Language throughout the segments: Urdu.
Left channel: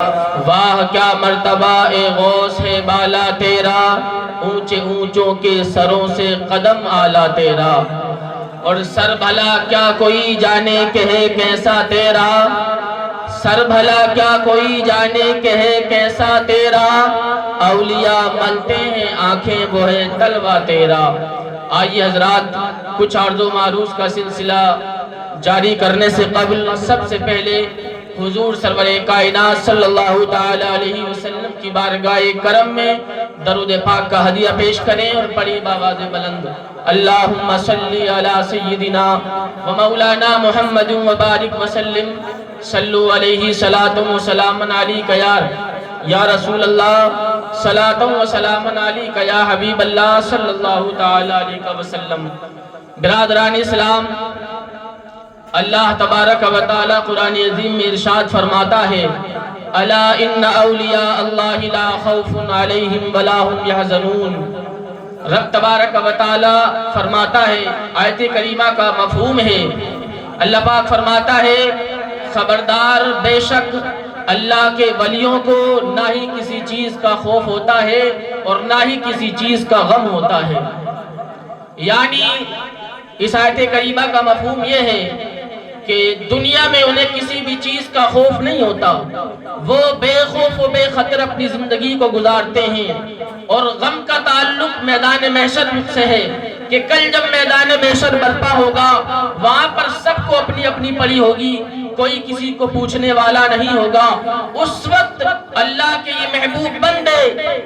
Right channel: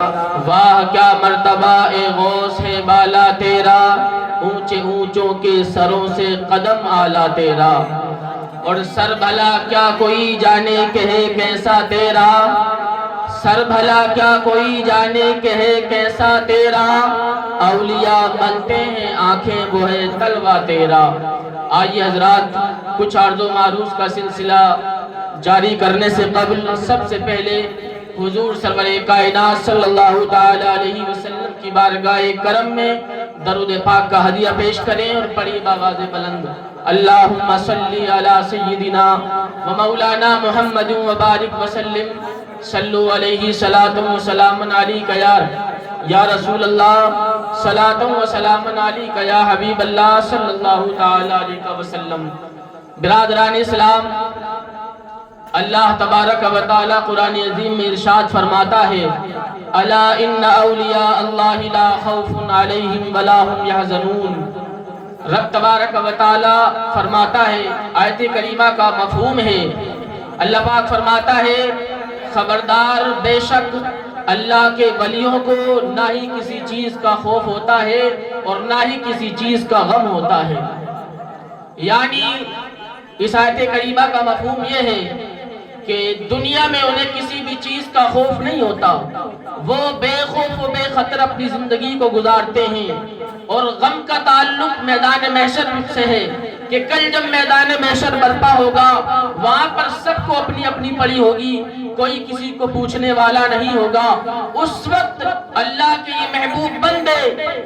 واہ کیا مرتبہ اے غوث ہے بالا تیرا، اونچے اونچوں کے سروں سے قدم آلا تیرا، اور سر بھلا کیا کوئی جانے کہ ہے کیسا تیرا، سر بھلا کیا کوئی جانے کہ ہے کیسا تیرا، اولیاء ملتے ہیں آنکھیں وہ ہے تلوہ تیرا۔ آئیے حضرات، کچھ عرض و معروض کا سلسلہ جاری کرنے سے قبل سب سے پہلے حضور سرور کائنات صلی اللہ تعالیٰ علیہ وسلم کی بارگاہ کرم میں درود پاک کا ہدیہ پیش کریں اور پڑھی بآواز بلند اللہم صلی علی سیدنا و مولانا محمد و بارک وسلم، صلو علیہ صلاۃ و سلام علیک یا رسول اللہ، صلاۃ و سلام علیک یا حبیب اللہ صلی اللہ تعالیٰ علیہ وسلم۔ برادران اسلام، اللہ تبارک و تعالی قرآن عظیم میں ارشاد فرماتا ہے الا ان اولیاء اللہ لا خوف علیہم ولا هم یحزنون۔ رب تبارک و تعالی فرماتا ہے، آیت کریمہ کا مفہوم ہے، اللہ پاک فرماتا ہے خبردار بے شک اللہ کے ولیوں کو نہ ہی کسی چیز کا خوف ہوتا ہے اور نہ ہی کسی چیز کا غم ہوتا ہے۔ یعنی اس آیت کریمہ کا مفہوم یہ ہے کہ دنیا میں انہیں کسی بھی چیز کا خوف نہیں ہوتا، وہ بے خوف و بے خطر اپنی زندگی کو گزارتے ہیں، اور غم کا تعلق میدان محشر سے ہے کہ کل جب میدان محشر برپا ہوگا وہاں پر سب کو اپنی اپنی پڑی ہوگی، کوئی کسی کو پوچھنے والا نہیں ہوگا۔ اس وقت اللہ کے یہ محبوب بندے،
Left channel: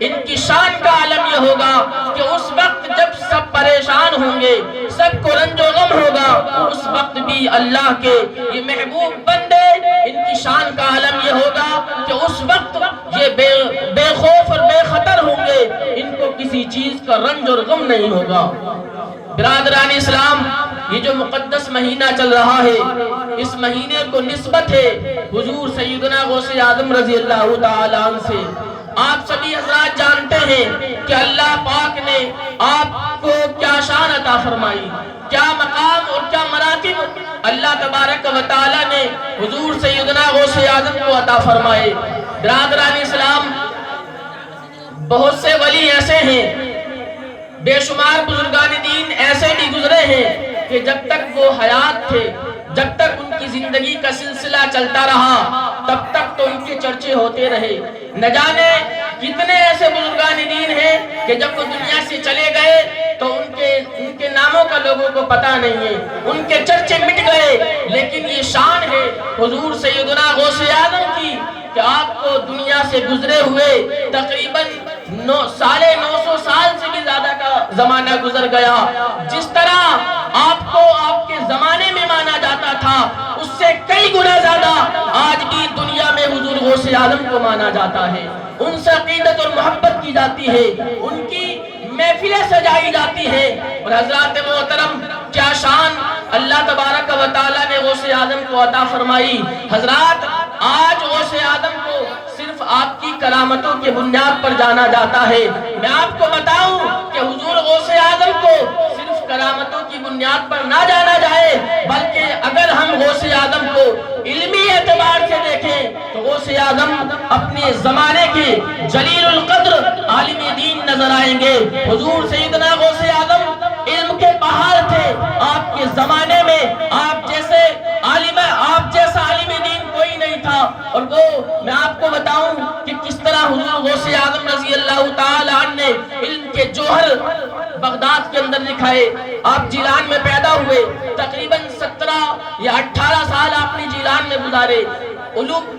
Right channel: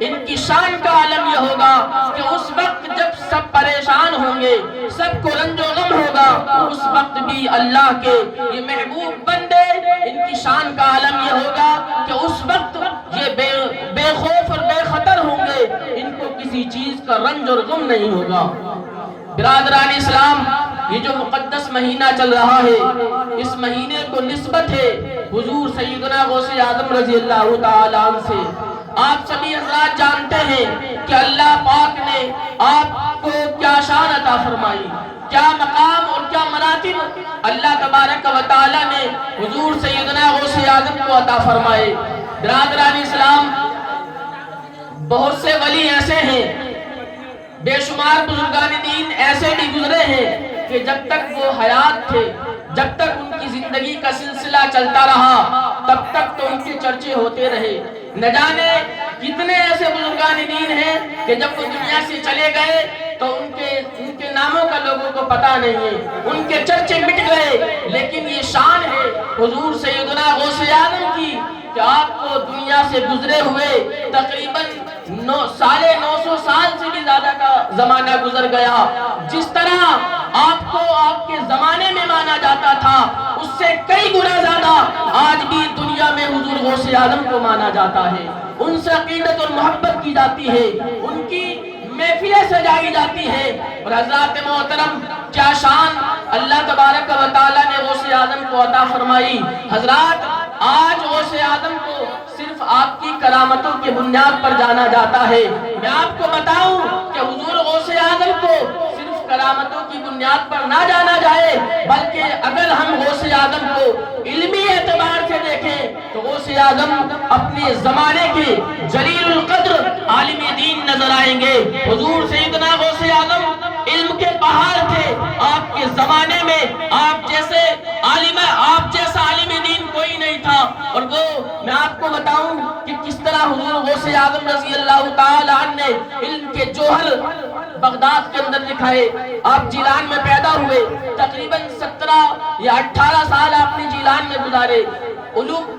ان کی شان کا عالم یہ ہوگا کہ اس وقت جب سب پریشان ہوں گے، سب کو رنج و غم ہوگا، اس وقت بھی اللہ کے یہ محبوب بندے، ان کی شان کا عالم یہ ہوگا کہ اس وقت یہ بے خوف اور بے خطر ہوں گے، ان کو کسی چیز کا رنج اور غم نہیں ہوگا۔ برادران اسلام، یہ جو مقدس مہینہ چل رہا ہے، اس مہینے کو نسبت ہے حضور سیدنا غوث اعظم رضی اللہ تعالیٰ عنہ سے۔ آپ سبھی حضرات جانتے ہیں کہ اللہ پاک نے آپ کو کیا شان عطا فرمائی، کیا مقام اور کیا مراتب اللہ تبارک و تعالیٰ نے حضور سیدنا غوث اعظم کو عطا فرمائے۔ برادران اسلام، بہت سے ولی ایسے ہیں، بے شمار بزرگان دین ایسے بھی گزرے ہیں کہ جب تک وہ حیات تھے، جب تک ان کی زندگی کا سلسلہ چلتا رہا، تب تک تو ان کے چرچے ہوتے رہے۔ نہ جانے کتنے ایسے بزرگان دین ہیں کہ جب وہ دنیا سے چلے گئے تو ان کے ناموں کا لوگوں کو پتہ نہیں ہے، ان کے چرچے مٹ گئے۔ لیکن یہ شان ہے حضور سیدنا غوث اعظم کی کہ آپ کو دنیا سے گزرے ہوئے تقریباً 950 سال سے بھی زیادہ کا زمانہ گزر گیا۔ جس طرح آپ کو آپ کے زمانے میں مانا جاتا تھا، اس سے کئی گنا زیادہ آج بھی دنیا میں حضور غوث اعظم کو مانا جاتا ہے، ان سے عقیدت اور محبت کی جاتی ہے، ان کی محفلیں سجائی جاتی ہے۔ اور حضرات محترم، کیا شان اللہ تبارک و تعالیٰ نے غوث اعظم کو عطا فرمائی۔ حضرات، آج غوث اعظم کو صرف آپ کی کرامتوں کے بنیاد پر جانا جاتا ہے۔ میں آپ کو بتاؤں کہ حضور غوث اعظم کو صرف کرامتوں کی بنیاد پر نہ جانا جائے، بلکہ اگر ہم غوث اعظم کو علمی اعتبار سے دیکھیں تو غوث اعظم اپنے زمانے کے جلیل القدر عالم دین نظر آئیں گے۔ حضور سیدنا غوث اعظم علم کے پہاڑ تھے۔ آپ کے زمانے میں آپ جیسا عالم دین کوئی نہیں تھا، اور وہ میں آپ کو بتاؤں کہ کس طرح حضور غوث اعظم رضی اللہ تعالیٰ عنہ نے علم کے جوہر بغداد کے اندر لکھائے۔ آپ جیلان میں پیدا ہوئے، تقریباً 17 یا 18 سال آپ نے جیلان میں گزارے،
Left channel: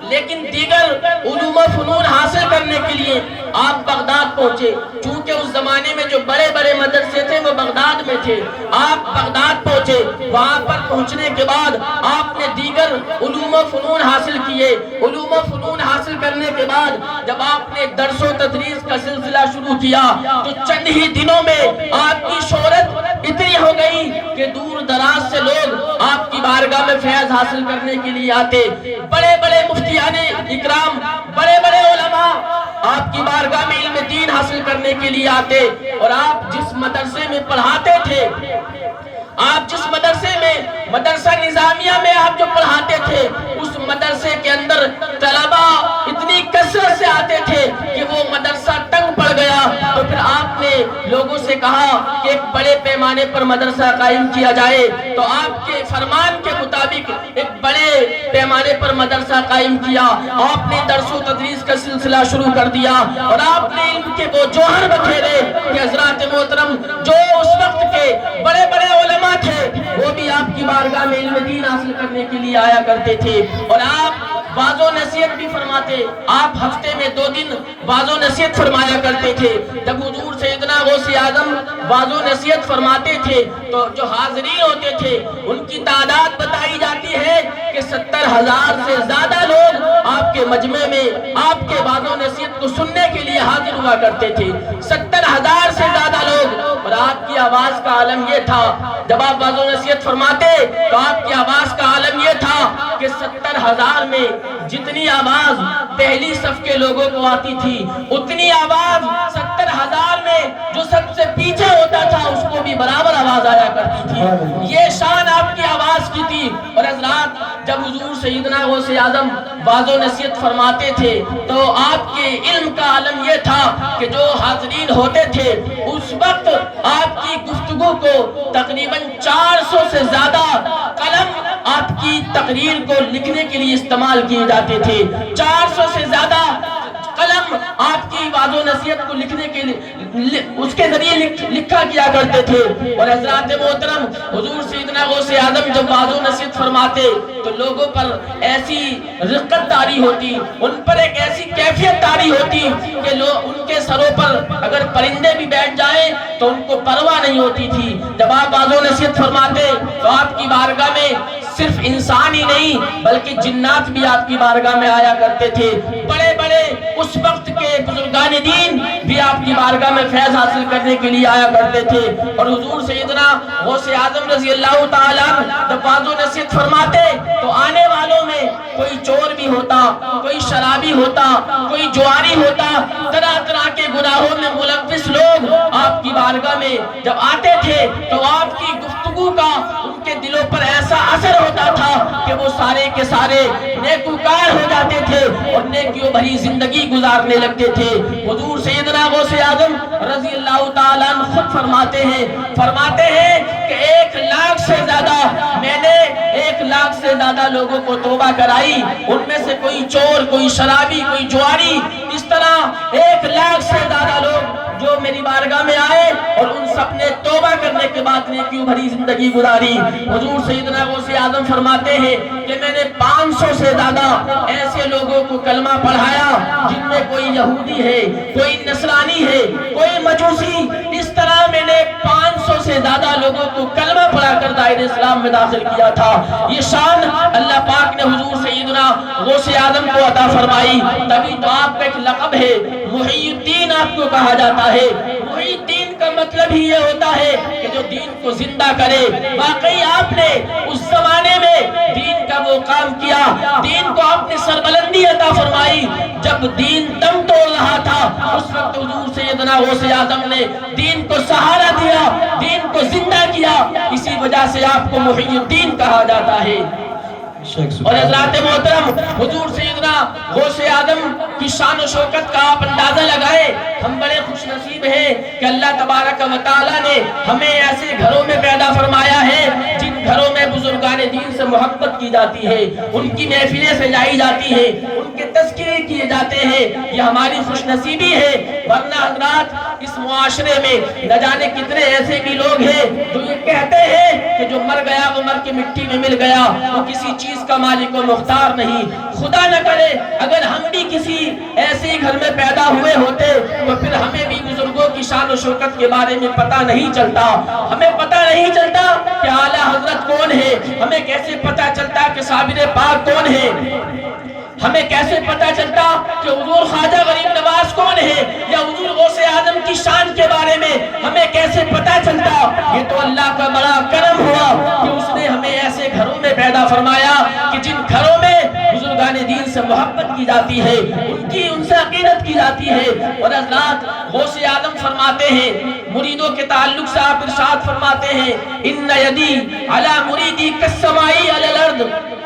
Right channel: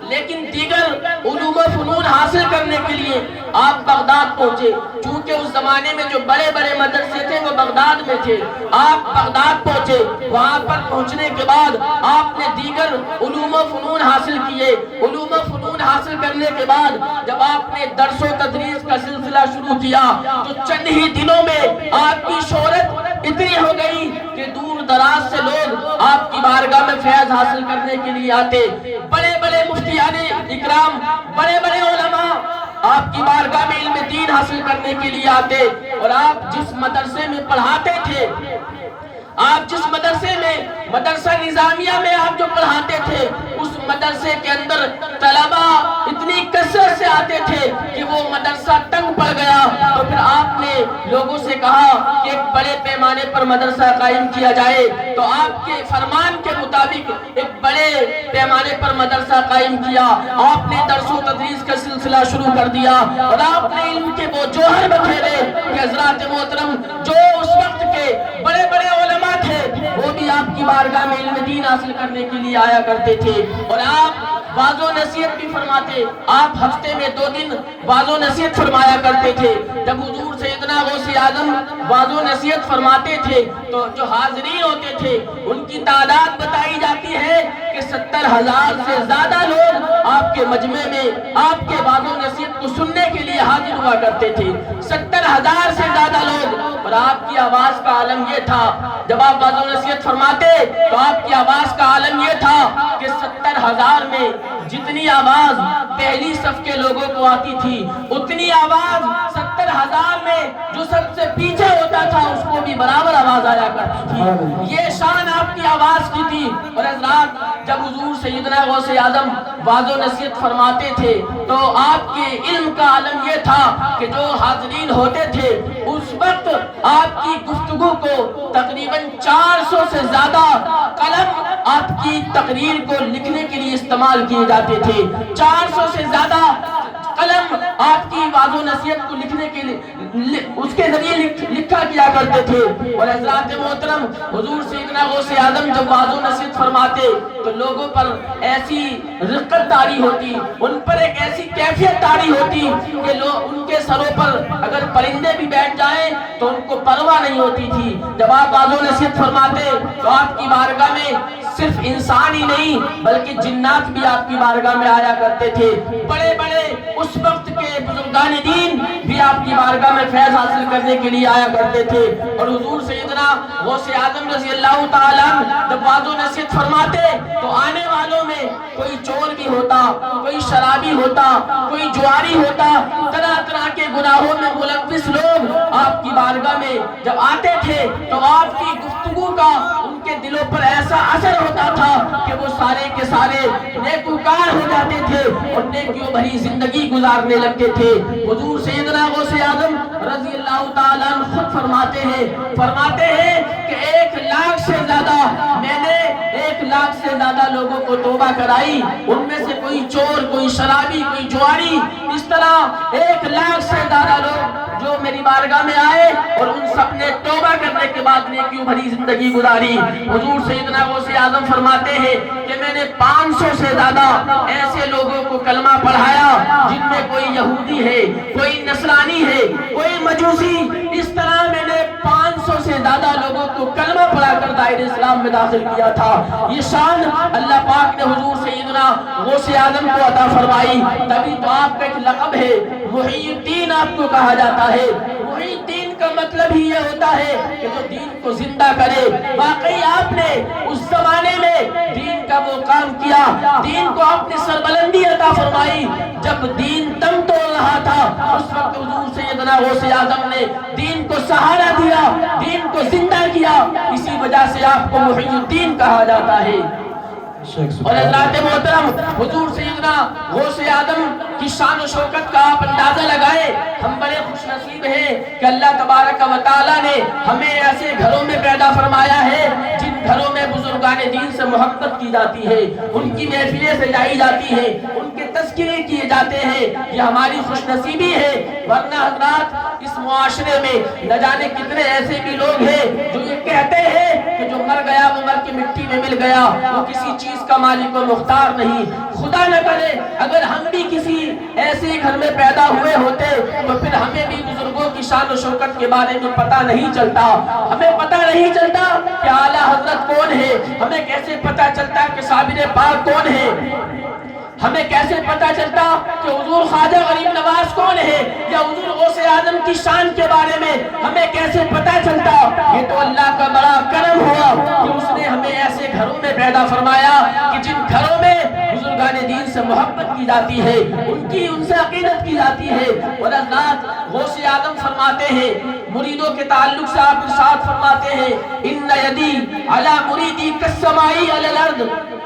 لیکن دیگر علوم و فنون حاصل کرنے کے لیے آپ بغداد پہنچے۔ چونکہ اس زمانے میں جو بڑے بڑے مدرسے تھے وہ بغداد میں تھے، آپ بغداد پہنچے۔ وہاں پر پہنچنے کے بعد آپ نے دیگر علوم و فنون حاصل کیے۔ علوم و فنون حاصل کرنے کے بعد جب آپ نے درس و تدریس کا سلسلہ شروع کیا تو چند ہی دنوں میں آپ کی شہرت اتنی ہو گئی کہ دور دراز سے لوگ آپ کی بارگاہ میں فیض حاصل کرنے کے لیے آتے۔ بڑے بڑے مفتیان اکرام، بڑے بڑے علماء آپ کی بارگاہ میں علم دین حاصل کرنے کے لیے آتے، اور آپ جس مدرسے میں پڑھاتے تھے آپ جس مدرسے میں مدرسہ نظامیہ میں آپ جو پڑھاتے تھے اس مدرسے کے اندر طلبہ اتنی کثرت سے آتے تھے کہ وہ مدرسہ تنگ پڑ گیا، تو پھر آپ نے لوگوں سے کہا کہ ایک بڑے پیمانے پر مدرسہ قائم کیا جائے، تو آپ کے فرمان کے مطابق ایک بڑے پیمانے پر مدرسہ قائم کیا، آپ نے درس و تدریس کا سلسلہ شروع کر دیا، اور آپ نے علم کے وہ جوہر بکھیرے کہ حضرات محترم جو اس وقت کے بڑے بڑے علماء تھے وہ بھی آپ کی بارگاہ میں علم دین حاصل کرنے کے لیے آیا کرتے تھے، اور آپ واعظ و نصیحت بھی فرماتے، آپ ہفتے میں 2 دن واعظ و نصیحت فرمایا کرتے تھے۔ جب حضور سیدنا غوث اعظم واعظ و نصیحت فرماتے تھے تو جو حاضرین ہوتے تھے ان کی تعداد بتائی جاتی ہے کہ 70,000 سے زیادہ لوگ آپ کے مجمع میں آپ کے واعظ و نصیحت کو سننے کے لیے حاضر ہوا کرتے تھے، 70,000 سے زیادہ لوگ۔ اور آپ کی آواز کا عالم یہ تھا، جب آپ واعظ و نصیحت فرماتے تو آپ کی آواز کا عالم یہ تھا کہ 70,000 میں جتنی آواز پہلی صف کے لوگوں کو آتی تھی اتنی آواز 70,000 میں جو سب سے پیچھے ہوتا تھا اس کو بھی برابر آواز آیا کرتی تھی۔ یہ شان آپ کی آواز کی تھی۔ اور حضرات جب حضور سیدنا غوث اعظم واعظ و نصیحت فرماتے تھے تو آپ کے علم کا عالم یہ تھا کہ جو حاضرین ہوتے تھے اس وقت آپ کی گفتگو کو تقریباً 400 سے زیادہ قلم آپ کی تقریر کو لکھنے کے لیے استعمال کیے جاتے تھے، 400 سے زیادہ قلم آپ کی واعظ و نصیحت کو لکھنے کے لیے اس کے ذریعے لکھا کیا کرتے تھے۔ اور حضرات محترم حضور سیدنا غوث اعظم جب واعظ و نصیحت فرماتے تو لوگوں پر ایسی رقت طاری ہوتی، ان پر ایک ایسی کیفیت طاری ہوتی کہ لوگ ان کے سروں پر اگر پرندے بھی بیٹھ جائیں تو ان کو پرواہ نہیں ہوتی تھی۔ جب آپ واعظ و نصیحت فرماتے تو آپ کی بارگاہ میں صرف انسان ہی نہیں بلکہ جنات بھی آپ کی بارگاہ میں آیا کرتے تھے، بڑے بڑے اس وقت کے بزرگان دین بھی آپ کی بارگاہ میں فیض حاصل کرنے کے لیے آیا کرتے تھے۔ اور حضور سیدنا غوث اعظم رضی اللہ تعالیٰ جب واعظ و نصیحت فرماتے تو آنے والوں میں کوئی چور بھی ہوتا، کوئی شرابی ہوتا، کوئی جواری ہوتا، طرح طرح کے گناہوں میں ملوث لوگ آپ کی بارگاہ میں جب آتے تھے تو آپ کی گفتگو کا ان کے دلوں پر ایسا اثر ہوتا تھا کہ وہ سارے کے سارے نیکوکار ہو جاتے تھے اور نیکیوں بھری زندگی گزارنے لگتے تھے۔ حضور سیدنا غوث اعظم رضی اللہ تعالیٰ عنہ خود فرماتے ہیں کہ 1,00,000 سے زیادہ میں نے 1,00,000 سے زیادہ لوگوں کو توبہ کرائی، ان میں سے کوئی چور، کوئی شرابی، کوئی جواری، اس طرح 1,00,000 سے زیادہ لوگ جو میری بارگاہ میں آئے اور ان سب نے توبہ کرنے کے بعد نیکیوں بھری زندگی گزاری۔ حضور سیدنا غوث اعظم فرماتے ہیں کہ میں نے 500 سے زیادہ ایسے لوگوں کو کلمہ پڑھایا جن میں کوئی یہودی ہے، کوئی نصرانی ہے، کوئی مجوسی، اس طرح میں نے 500 سے زیادہ لوگوں کو کلمہ پڑھا کر دائرہ اسلام میں داخل کیا تھا۔ یہ شان اللہ پاک نے حضور سیدنا غوث اعظم کو عطا فرمائی، تبھی تو آپ کا ایک لقب ہے محی الدین آپ کو کہا جاتا ہے۔ محی الدین کا مطلب ہی یہ ہوتا ہے کہ جو دین کو زندہ کرے۔ واقعی آپ نے اس زمانے میں دین کا وہ کام کیا، دین کو آپ نے سربلندی عطا فرمائی۔ جب دین دم توڑ رہا تھا اس وقت حضور سیدنا غوث اعظم نے دین کو سہارا دیا، دین کو زندہ کیا، اسی وجہ سے آپ کو محی الدین کہا جاتا ہے۔ اور حضرات محترم حضور سیدنا غوث اعظم کی شان و شوکت کا آپ اندازہ لگائے۔ ہم بڑے خوش نصیب ہیں کہ اللہ تبارک و تعالیٰ نے ہمیں ایسے گھروں میں پیدا فرمایا ہے جن گھروں میں بزرگان دین سے محبت کی جاتی ہے، ان کی محفلیں سجائی جاتی ہیں، ان کے تذکرے کیے جاتے ہیں۔ یہ ہماری خوش نصیبی ہے، ورنہ حضرات اس معاشرے میں نہ جانے کتنے ایسے بھی لوگ ہیں جو یہ کہتے ہیں کہ جو مر گیا وہ مر کے مٹی میں مل گیا، وہ کسی چیز کا مالک و مختار نہیں۔ خدا نہ کرے اگر ہم بھی کسی ایسے گھر میں پیدا ہوئے ہوتے تو پھر ہمیں بھی بزرگوں کی شان و شوکت کے بارے میں پتہ نہیں چلتا، ہمیں پتہ نہیں چلتا کہ اعلیٰ حضرت کون ہے، ہمیں کیسے پتہ چلتا کہ صابر پاک کون ہے، ہمیں کیسے پتہ چلتا کہ حضور خواجہ غریب نواز کون ہے، یا حضور غوث اعظم کی شان کے بارے میں ہمیں کیسے پتہ چلتا۔ یہ تو اللہ کا بڑا کرم ہوا کہ اس نے ہمیں ایسے گھروں میں پیدا فرمایا کہ جن گھروں میں بزرگان دین سے محبت کی کی جاتی ہے، ان سے عقیدت کی جاتی ہے۔ اور حضرات غوث اعظم فرماتے ہیں، مریدوں کے تعلق سے آپ ارشاد فرماتے ہیں، ان یدی علی مریدی کالسمائی علی الارض۔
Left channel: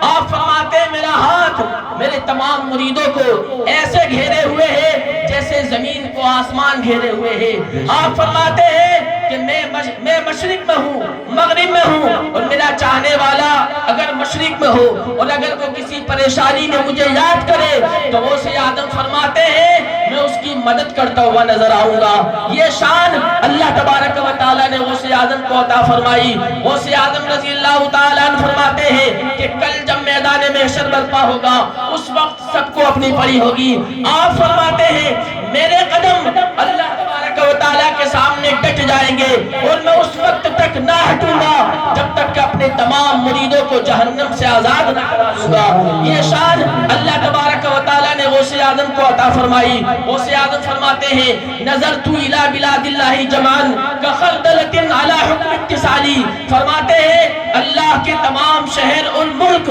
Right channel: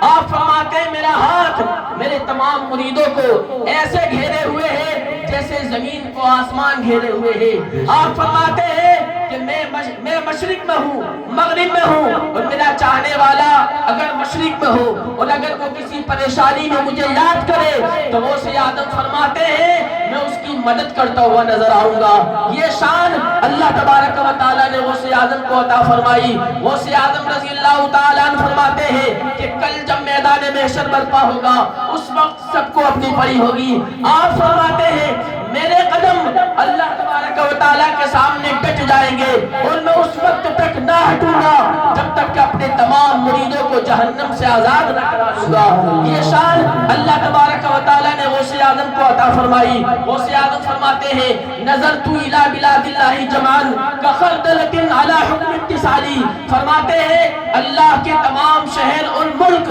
آپ فرماتے ہیں میرا ہاتھ میرے تمام مریدوں کو ایسے گھیرے ہوئے ہے جیسے زمین کو آسمان گھیرے ہوئے ہے۔ آپ فرماتے ہیں کہ میں مشرق میں ہوں، مغرب میں ہوں، اور میرا چاہنے والا اگر مشرق میں ہو اور اگر وہ کسی پریشانی میں مجھے یاد کرے تو غوث اعظم فرماتے ہیں میں اس کی مدد کرتا ہوا نظر آؤں گا۔ یہ شان اللہ تبارک و تعالیٰ نے غوث اعظم کو عطا فرمائی۔ غوث اعظم رضی اللہ تعالیٰ عنہ فرماتے ہیں کہ کل جب میدان محشر برپا ہوگا اس وقت سب کو اپنی پڑی ہوگی۔ آپ فرماتے ہیں میرے قدم اللہ تبارک و تعالیٰ کے سامنے ڈٹ جائیں گے اور میں اس وقت تک نہ ہٹوں گا جب تک کہ اپنے تمام مریدوں کو جہنم سے آزاد نہ کرا دوں گا۔ یہ شان اللہ تبارک و تعالیٰ نے غوث اعظم کو عطا فرمائی۔ غوث اعظم فرماتے ہیں نظرت الی بلاد اللہ جمعاً کخردلۃ علی حکم اتصالی۔ فرماتے ہیں اللہ کے تمام شہر اور ملک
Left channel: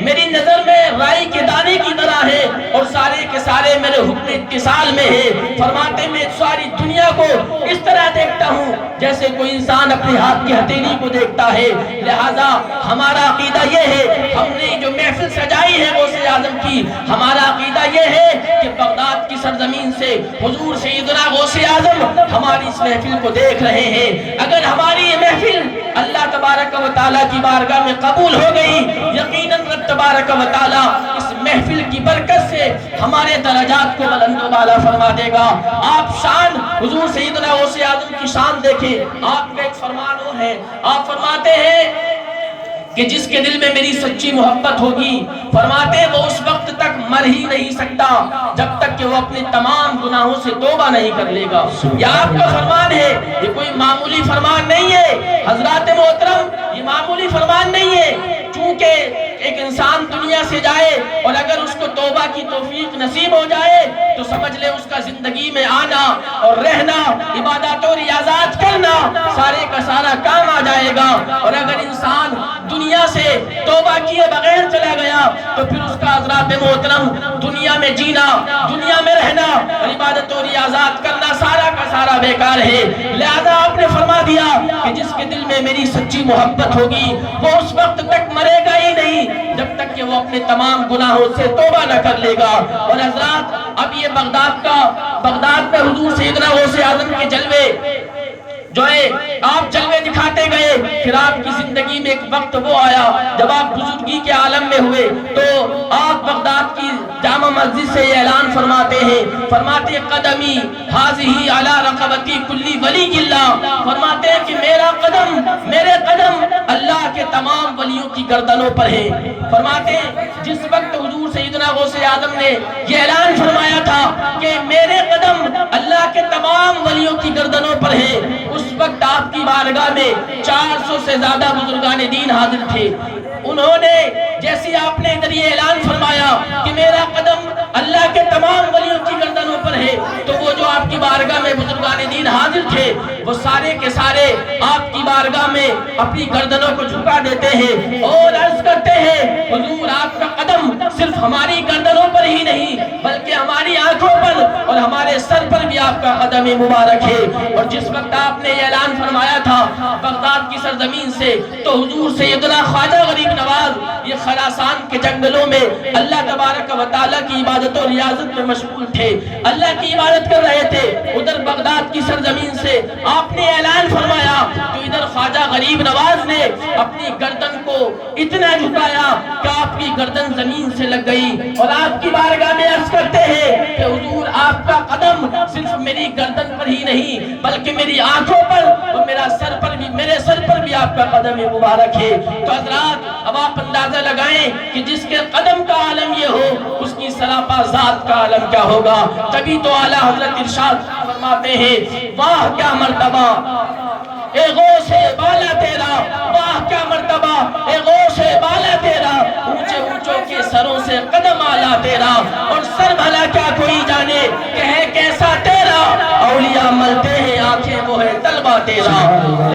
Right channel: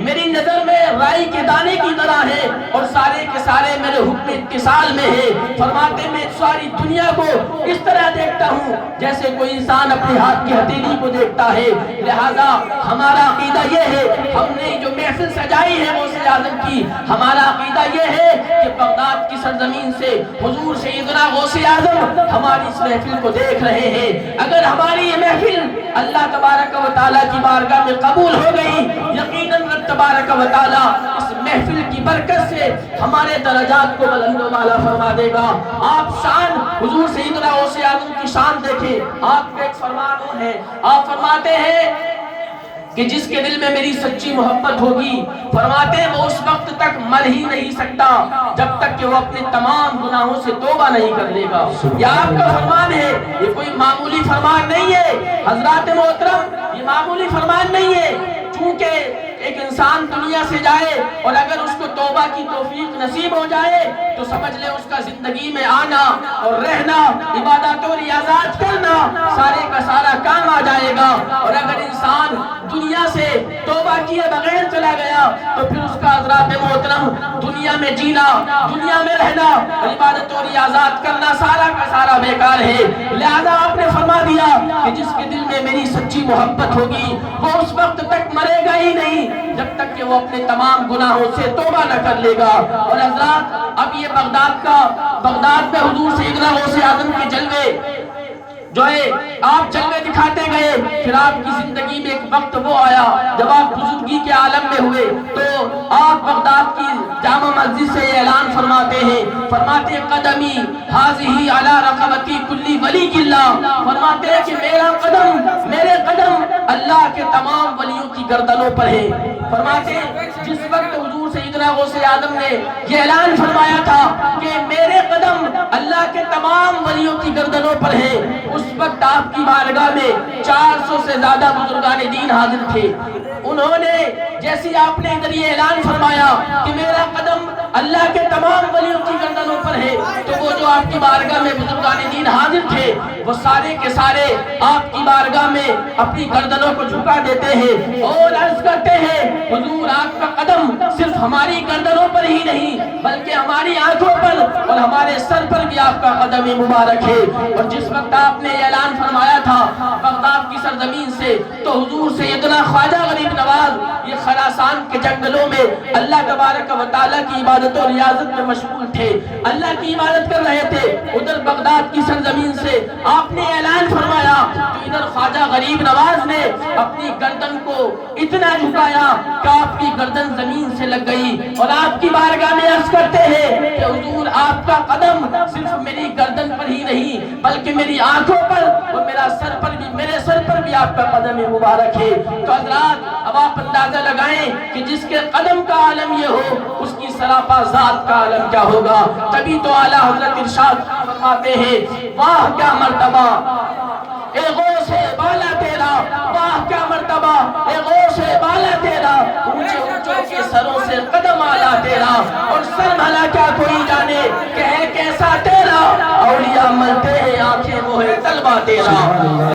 میری نظر میں رائی کے دانے کی طرح ہے اور سارے کے سارے میرے حکم اتصال میں ہے۔ فرماتے ہیں میں ساری دنیا کو اس طرح دیکھتا ہوں جیسے کوئی انسان اپنے ہاتھ کی ہتھیلی کو دیکھتا ہے۔ لہذا ہمارا عقیدہ یہ ہے، ہم نے جو محفل سجائی ہے غوث اعظم کی، ہمارا عقیدہ یہ ہے کہ بغداد کی سرزمین سے حضور سیدنا غوث اعظم ہماری اس محفل کو دیکھ رہے ہیں۔ اگر ہماری یہ محفل اللہ تبارک و تعالیٰ کی بارگاہ میں قبول ہو گئی، یقیناً رب تبارک و تعالیٰ اس محفل کی برکت سے ہمارے درجات کو بلند و بالا فرما دے گا۔ آپ شان حضور سیدنا غوث اعظم کی شان دیکھیں، آپ کا ایک فرمان وہ ہے، آپ فرماتے ہیں کہ جس کے دل میں میری سچی محبت ہوگی، فرماتے ہیں وہ اس وقت تک مر ہی نہیں سکتا جب تک کہ وہ اپنے تمام گناہوں سے توبہ نہیں کر لے گا۔ یہ آپ کا فرمان ہے، یہ کوئی معمولی فرمان نہیں ہے حضرات محترم، یہ معمولی فرمان نہیں ہے۔ چونکہ ایک انسان دنیا سے جائے اور اگر اس کو توبہ کی توفیق نصیب ہو جائے تو سمجھ لے اس کا زندگی میں آنا اور رہنا، عبادات و ریاضات کرنا سارے کا سارا کام آ جائے گا۔ اور اگر انسان دنیا سے توبہ کیے بغیر چلا گیا تو پھر اس کا حضرات محترم دنیا میں جینا، دنیا میں رہنا اور عبادت و ریاضات کرنا سارا کا سارا بیکار ہے۔ لہذا آپ نے فرما دیا کہ جس کے دل میں میری سچی محبت ہوگی وہ اس وقت تک مرے گا ہی نہیں جب تک کہ وہ اپنے تمام گناہوں سے توبہ نہ کر لے گا۔ اور حضرات اب یہ بغداد میں حضور سیدنا غوث اعظم کے جلوے جو ہے آپ جلوے دکھاتے گئے، پھر آپ کی زندگی میں ایک وقت وہ آیا جب آپ بزرگی کے عالم میں ہوئے تو آپ بغداد کی جامع مسجد سے یہ اعلان فرماتے ہیں، فرماتے ہیں قدمی حاضی علی رقبتی کلی ولی اللہ۔ فرماتے ہیں کہ میرے قدم اللہ کے تمام ولیوں کی گردنوں پر ہے۔ فرماتے ہیں جس وقت حضور سیدنا غوث اعظم نے یہ اعلان فرمایا تھا کہ میرے قدم اللہ کے تمام ولیوں کی گردنوں پر ہے، اس وقت آپ کی بارگاہ میں 400 سے زیادہ بزرگان دین حاضر تھے۔ انہوں نے جیسی آپ نے ادھر یہ اعلان فرمایا کہ میرا قدم اللہ کے تمام ولیوں کی گردنوں پر ہے تو وہ جو آپ کی بارگاہ میں بزرگان دین حاضر تھے وہ سارے کے سارے آپ کی بارگاہ میں اپنی گردنوں کو جھکا دیتے ہیں اور عرض کرتے ہیں حضور آپ کا قدم صرف ہماری گردنوں پر ہی نہیں بلکہ ہماری آنکھوں پر اور ہمارے سر پر بھی آپ کا قدم مبارک ہے۔ اور جس وقت آپ نے یہ اعلان فرمایا تھا بغداد کی سرزمین سے تو حضور سیدنا خواجہ غریب نواز یہ خراسان کے جنگلوں میں اللہ تبارک و تعالیٰ کی عبادت و ریاضت میں مشغول تھے، اللہ کی عبادت کر رہے تھے۔ ادھر بغداد کی سرزمین سے آپ نے اعلان فرمایا تو ادھر خواجہ غریب نواز نے اپنی گردن کو اتنا جھکایا کہ آپ کی گردن زمین سے لگ گئی اور آپ کی بارگاہ میں عرض کرتے ہیں کہ حضور آپ کا قدم صرف میری گردن پر ہی نہیں بلکہ میری آنکھوں پر اور میرے سر پر بھی آپ کا قدم مبارک ہے۔ تو حضرات اب آپ اندازہ لگائیں کہ جس کے قدم کا عالم یہ ہو اس کی سراپا ذات کا عالم کیا ہوگا۔ تبھی تو اعلیٰ حضرت ارشاد فرماتے ہیں واہ کیا مرتبہ اے غوث بالا تیرا، واہ کیا مرتبہ اے غوث بالا تیرا، اونچے اونچوں کے سروں سے قدم آلا تیرا اور سر بھلا کیا کوئی جانے کہ ہے کیسا تیرا، اولیاء ملتے ہیں آنکھیں وہ ہے طلبہ تیرا۔